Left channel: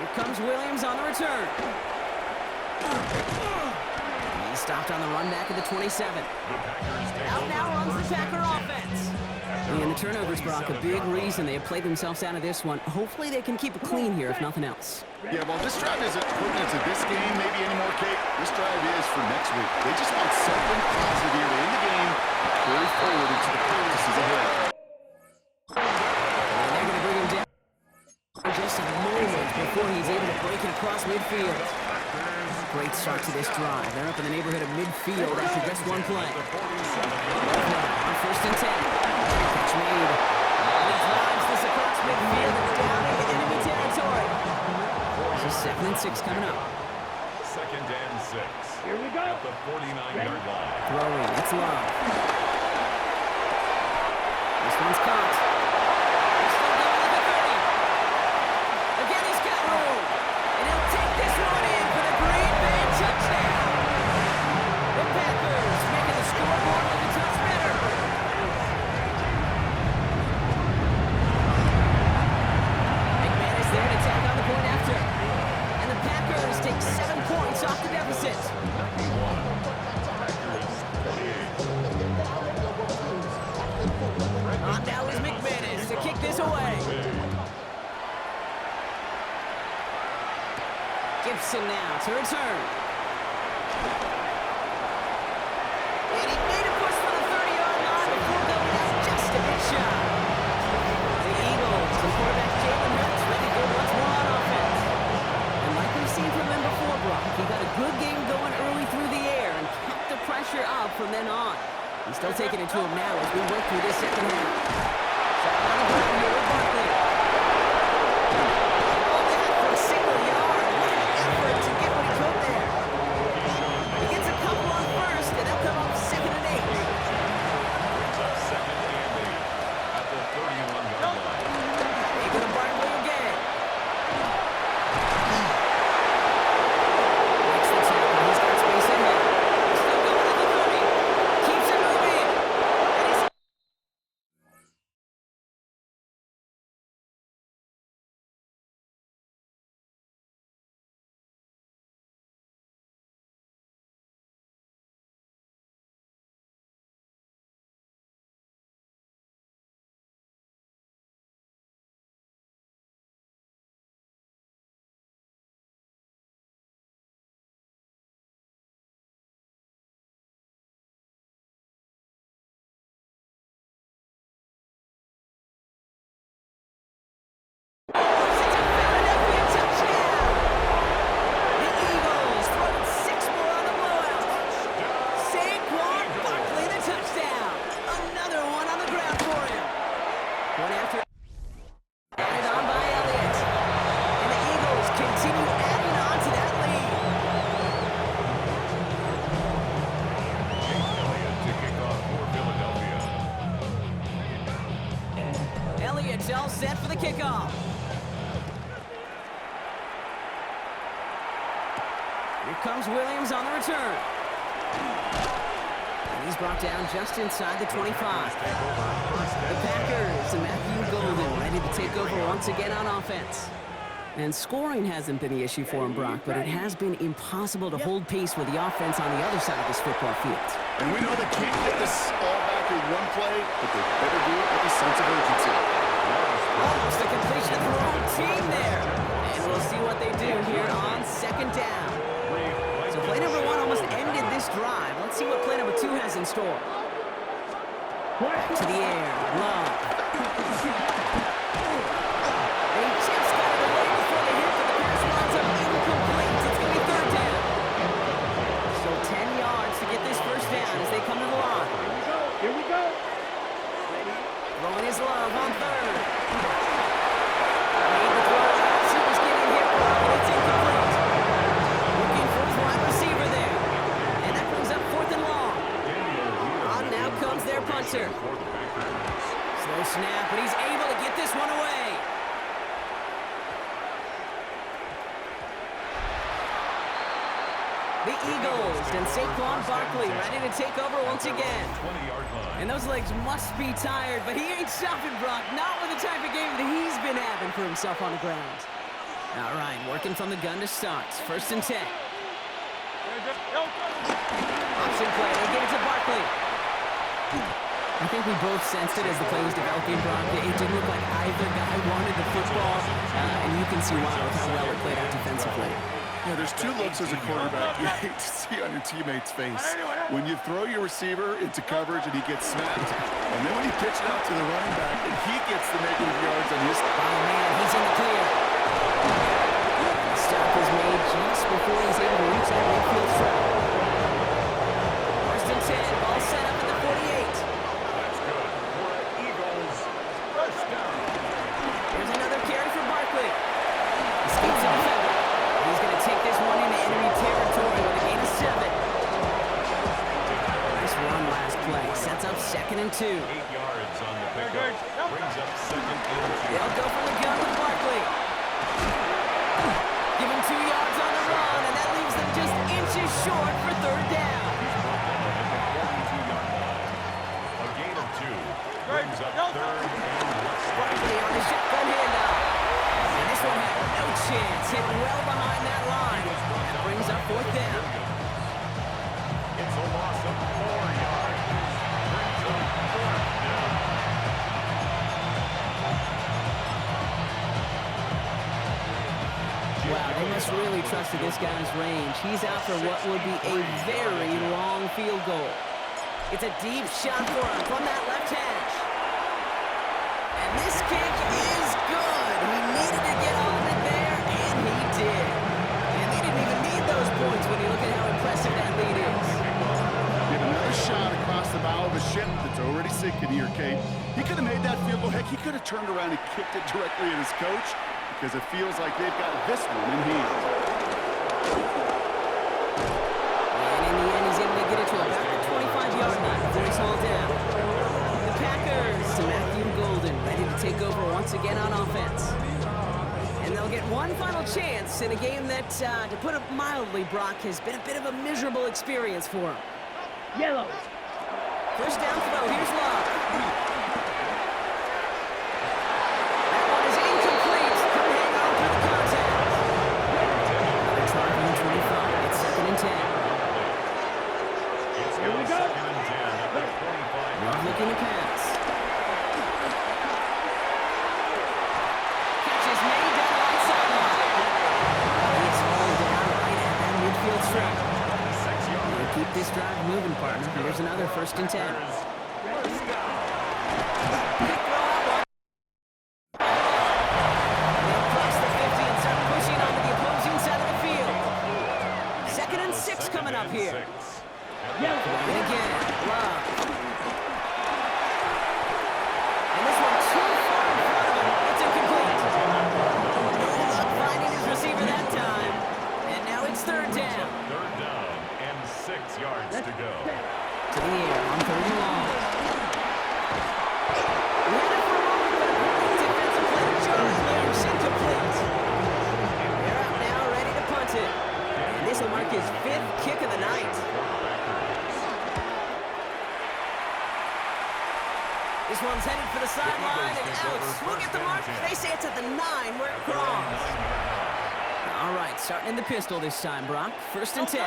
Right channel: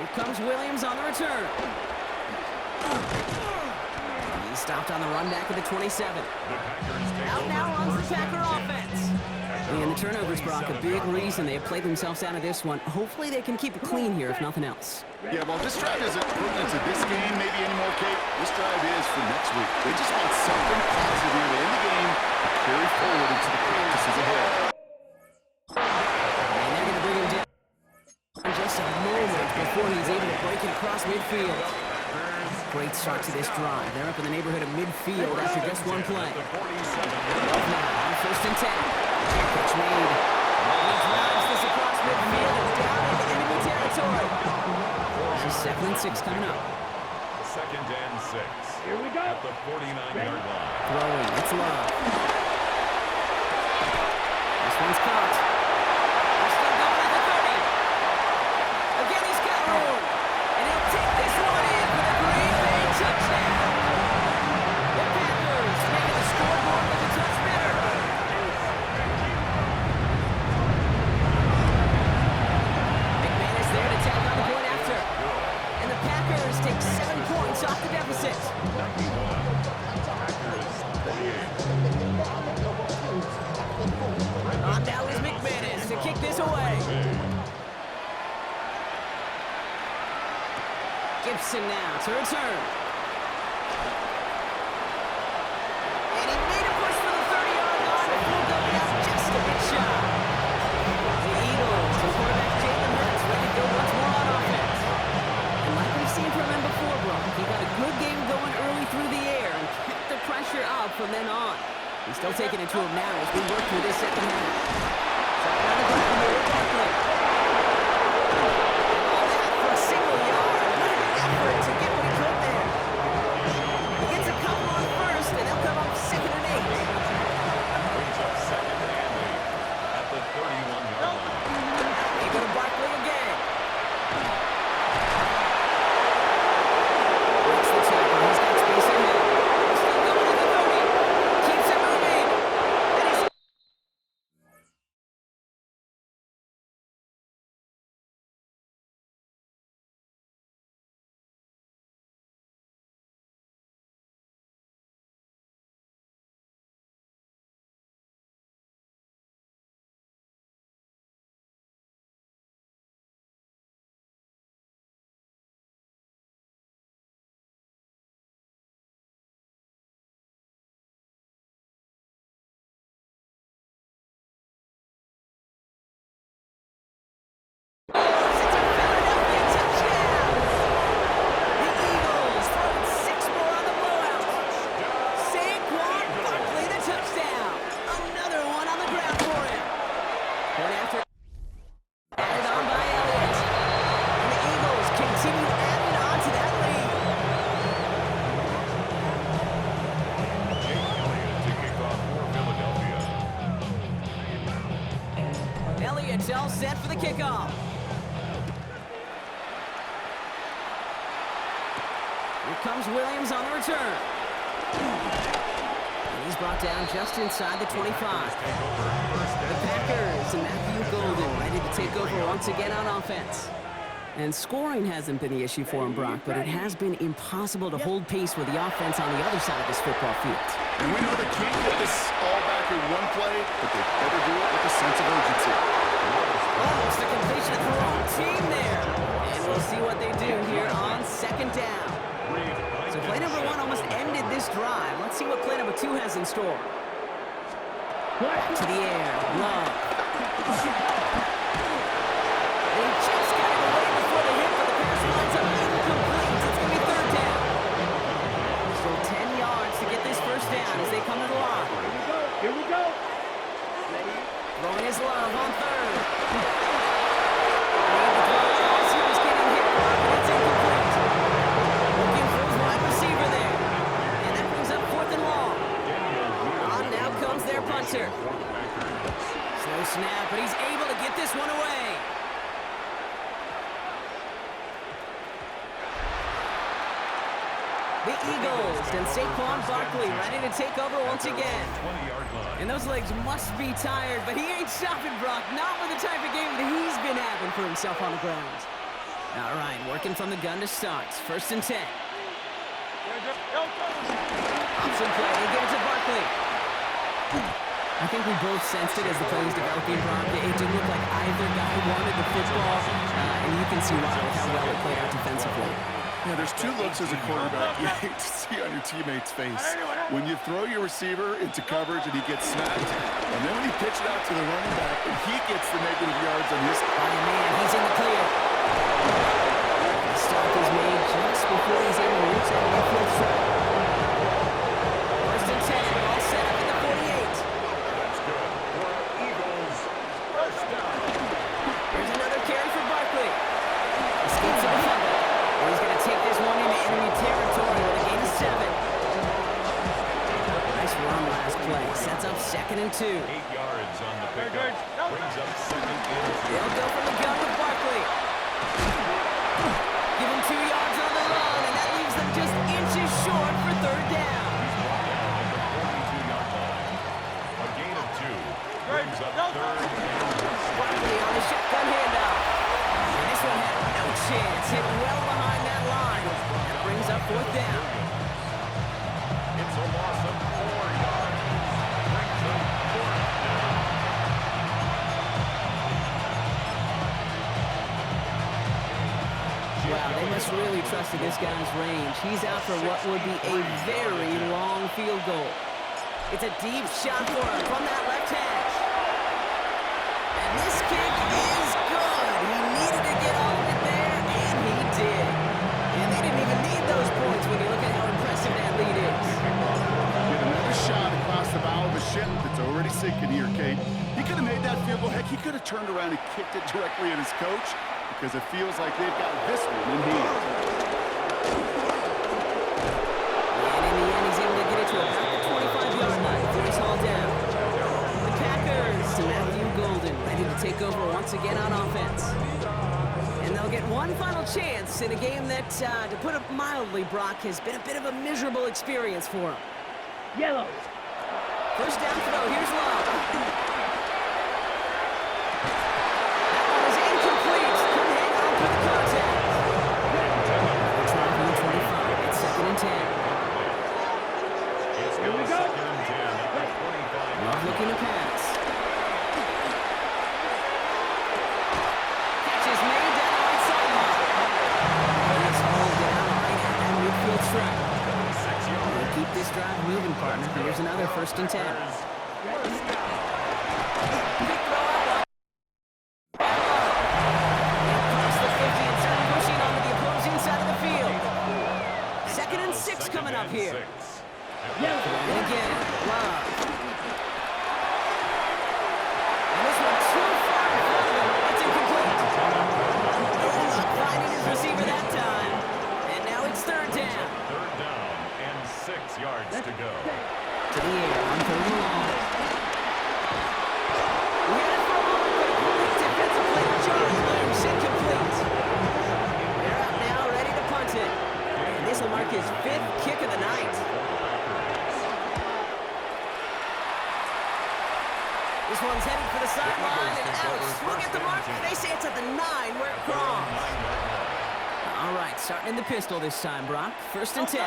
Here comes Williams on the return. He's stopped on the run back at the 27. Out now runs the Packer offense. And the turnovers, Brock, a big reason they have played themselves out of this one. Hopefully they can keep it clean here, if nothing else. Yeah, well, this drive isn't pertinent to this game maybe anymore, Kate. This drive is for next week. They just want something positive here to end the game and carry forward into the practices ahead. And they're going to bring him down just a moment before he's able to break it across midfield. Great start to this drive. They're up in the neighborhood of midfield after just one play. Now on 1st and 10. Catch made. He drives this across midfield and down into enemy territory. This is 2nd and 6 coming up. 2nd and 6. Here we go. At the 49-yard line. Throwing. It's Love. This one's caught. They're still going at the 30. Again, he's got room. And he'll take this one in for the Green Bay touchdown. The Packers making the scoreboard look a touch better. McManus there to tag on the point after. And the Packers take 7 points off the deficit. 91. Packers 28. On now is McManus to kick this away. Gibson now to return. And he made a push for the 30-yard line before going out just a bit shy. The Eagles and quarterback Jalen Hurts ready to go once more on offense. And like we've seen from him before, Brock, he got a good game going early through the air and kept the pressure up from then on. He's still taking it to him now as we work through this second half. Starting on the ground here with Barkley. And all that for a single yard. What an effort to get what he could there. He gets a couple on 1st, and they'll come up 2nd and 8. Brings up 2nd and 8 at the 31-yard line. They go to Barkley again. Breaks the tackle. He's got space ahead. Still going at the 30. Keeps it moving. And he's... It's a Philadelphia touchdown! The Eagles throwing 6 more on the blowout. Saquon Barkley the touchdown. Another one on the ground for him. One after. Added on by Elliott. And the Eagles continue adding on to that lead. Jake Elliott to kick off for Philadelphia. Elliott's all set for the kickoff. Here comes Williams on the return. And he's brought down just inside the 25. Take over 1st The and 10. Packers and Matthew Golden ready to take over once again on offense. And scoring hasn't been the issue for him, Brock, but it has been impossible to hold pace with the offense on the other side of this football field. And we know they can't get this all back in one play, but they better do it with a sense of urgency. Almost a completion for their own team there. And we'll see what they do here on 2nd down. So play number 1 almost ended this drive. Let's see what play number 2 has in store. Back to the air. Love. And he just got it away before the hit, but the pass winds up incomplete. It's going to be 3rd down. Still 10 yards to get this 1st down as they come to the line. Here we go. Ready? Throwing his Love on 3rd. Made the throw as he was getting hit, Brock, and it's incomplete. Looking for his wide receiver there. And that brings up 4th and long. On now comes their punter. Slow snap, but he's able to get this one away. The Eagles and Saquon Barkley ready to take over once again. 20-yard line. And those legs must be tired, but he ain't stopping, Brock. Not with the type of game that he's been having for himself on the ground. All right, working from the gun to start. 1st and 10. Option play. They give it to Barkley. I think we both sensed it as the play was developing, Brock. It didn't look like either guy wanted the football, and you can see why with how well it played out defensively. Yeah, there's 2 looks as a quarterback you hate to see on your teammate's face. When you throw your receiver into coverage and he gets snapped, and then when you pitch it out to the running back and he gets the negative yards on his... By a man, he's in the clear. The stop is made just before he's able to reach that midfield strike. 1st and 10, ball set up at the 48. That's good for Eagles. 1st down. Here's another carry for Barkley. Escapes the defender. He's going to take this one into enemy territory with a gain of 7. Nice run last play. Sets up 2nd and 2. 8 yards on the pickup. Brings up 2nd and 2. They'll go from the gun with Barkley. Give him 2 yards on the run, and that leaves them just inches short for 3rd down. He's brought down at the 42-yard line. A gain of 2. Brings up 3rd and 1. Barkley on the shotgun handoff. And this one had no chance. Hit well behind that line. That brings up 4th down. It's a loss of 4 yards. Brings up 4th down. Wow, they must really trust in this guy's range. He's out for what would be a very long field goal. It's a deep shot for him from that left hash. And this kick is good. He needed to get all of it there, and he did. And they didn't even need those points when you look at how impressive that lead is. Get another shot across the bow of a ship that's already sinking here, Kate. He could have made that field goal. Heck, he could have turned around and kicked it directly at his coach because it feels like they've got this one in hand. And in the end, he's able to get it to about the 25-yard line before he's hauled down. The Packers to Matthew Golden, ready to take over once again on offense. And they'll get one final chance in a game that, to put it mildly, Brock, has been a bit of a miserable experience for him. Yellow. 1st down throw. Here's Love. That one is incomplete. Couldn't hang on through the contact. They're trying from the 25. It's 2nd and 10. It's Here we now go. 2nd and 10 at the 25. Love looking to pass. Catch is made down the right sideline. He is hauled down right at that midfield stripe. 26 yards. They keep this drive moving, partner. Here's another 1st and 10. First down. Quick throw out wide by Love. They'll cross the 50 and start pushing onto the opposing side of the field. 2nd and 6 coming up here. And again, Love. And this one too far in front of him. It's incomplete. No luck finding his receiver that time. And now it's 3rd down. 3rd down and 6 yards to go. To the air on 3rd and long. We had it for a moment, but a great defensive play to Jarvis loose. Incomplete. They're out now, ready to punt it. And this will mark his 5th kick of the night. This one's headed for the sideline and out. Swing at the mark. They say it's at the 9 where it crawls. All right, starting in the pistol this time, Brock. 1st and 10. They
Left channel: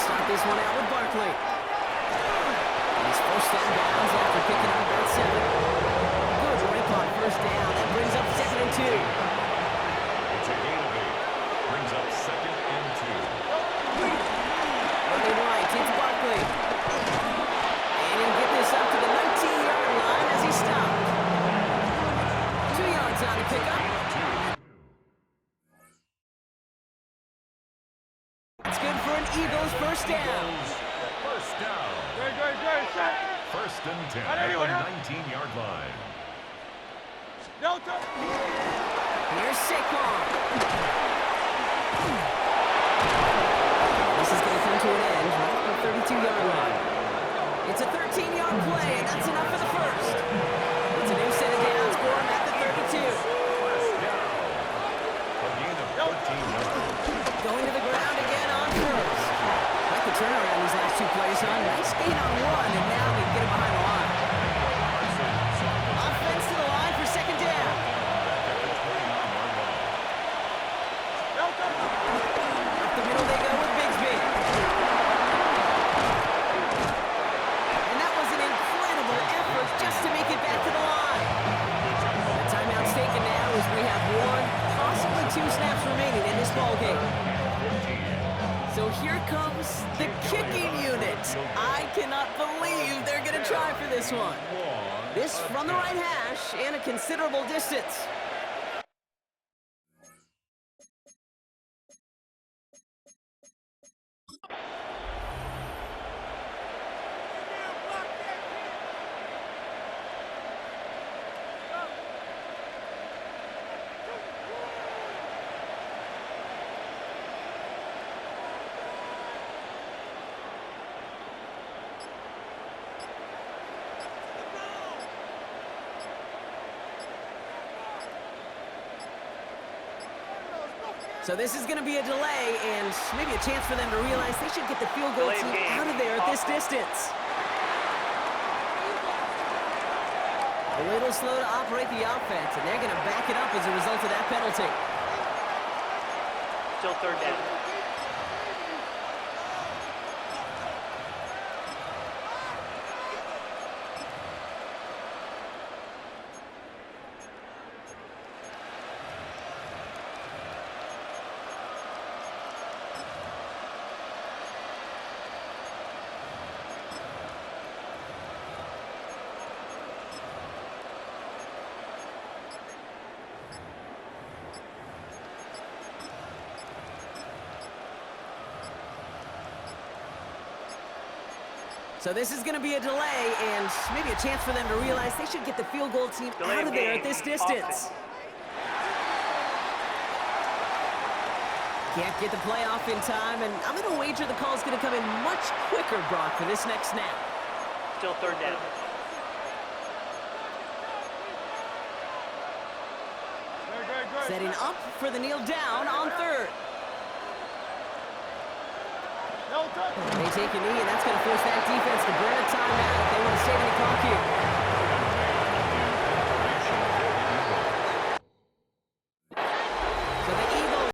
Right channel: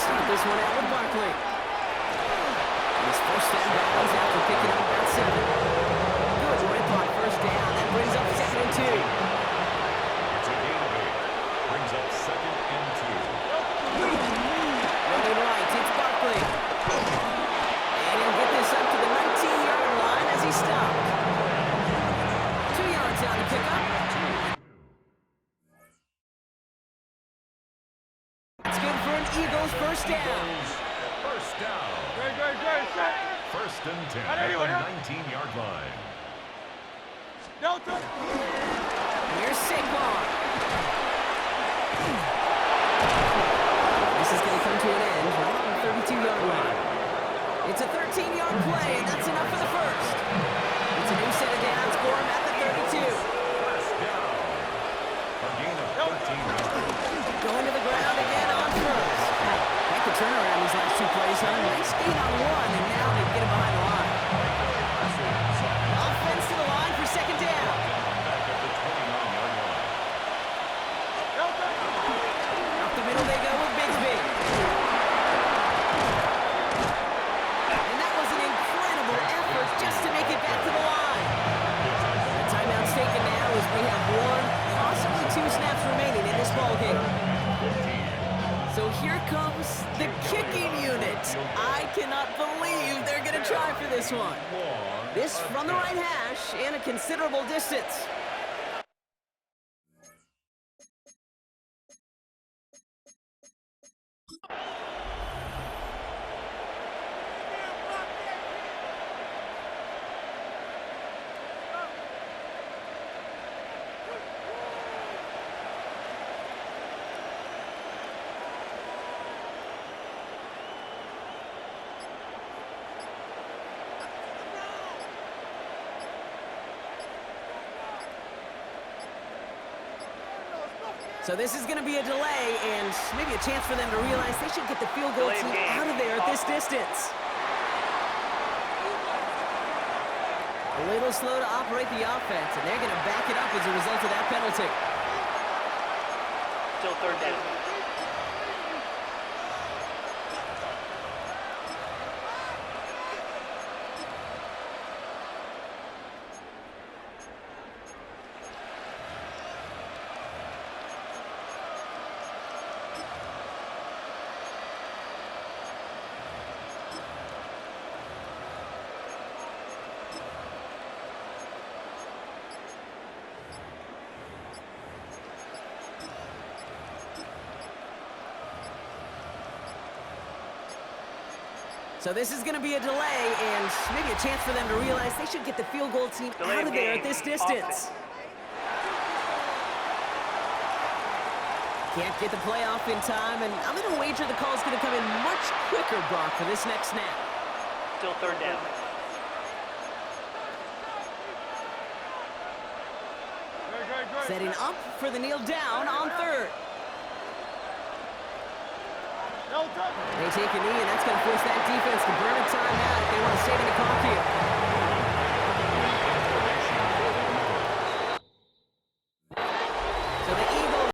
start this one out with Barkley. And he's forced down bounds after picking up about 7. Good rip on 1st down. That brings up 2nd and 2. It's a gain of 8. Brings up 2nd and 2. Running right, it's Barkley. And he'll get this up to the 19-yard line as he stopped. 2 yards on the pickup. It's good for an Eagles 1st down. 1st down. Good. Set. 1st and 10 at the 19-yard line. Delta. Here's Saquon. This is going to come to an end right on the 32-yard line. It's a 13-yard play, and that's enough for the 1st. It's a new set of downs for him at the 32. 1st down. A gain of 13 yards. Going to the ground again on 1st. Quite the turnaround these last 2 plays, huh? Nice gain on 1, and now they get it behind the line. Offense to the line for 2nd down. Back at the 29-yard line. now as we have one, possibly two snaps remaining in this ball game. So here comes the kicking unit. I cannot believe they're going to try for this one. This from the right hash and a considerable distance. So this is going to be a delay and maybe a chance for them to realize they should get the field goal team out of there at this distance. A little slow to operate the offense, and they're going to back it up as a result of that penalty. Still third down. So this is going to be a delay and maybe a chance for them to realize they should get the field goal team out of there at this distance. Can't get the play off in time, and I'm going to wager the call's going to come in much quicker, Brock, for this next snap. Still third down. Setting up for the kneel down on third. They take a knee, and that's going to force that defense to burn a timeout if they want to save any clock here.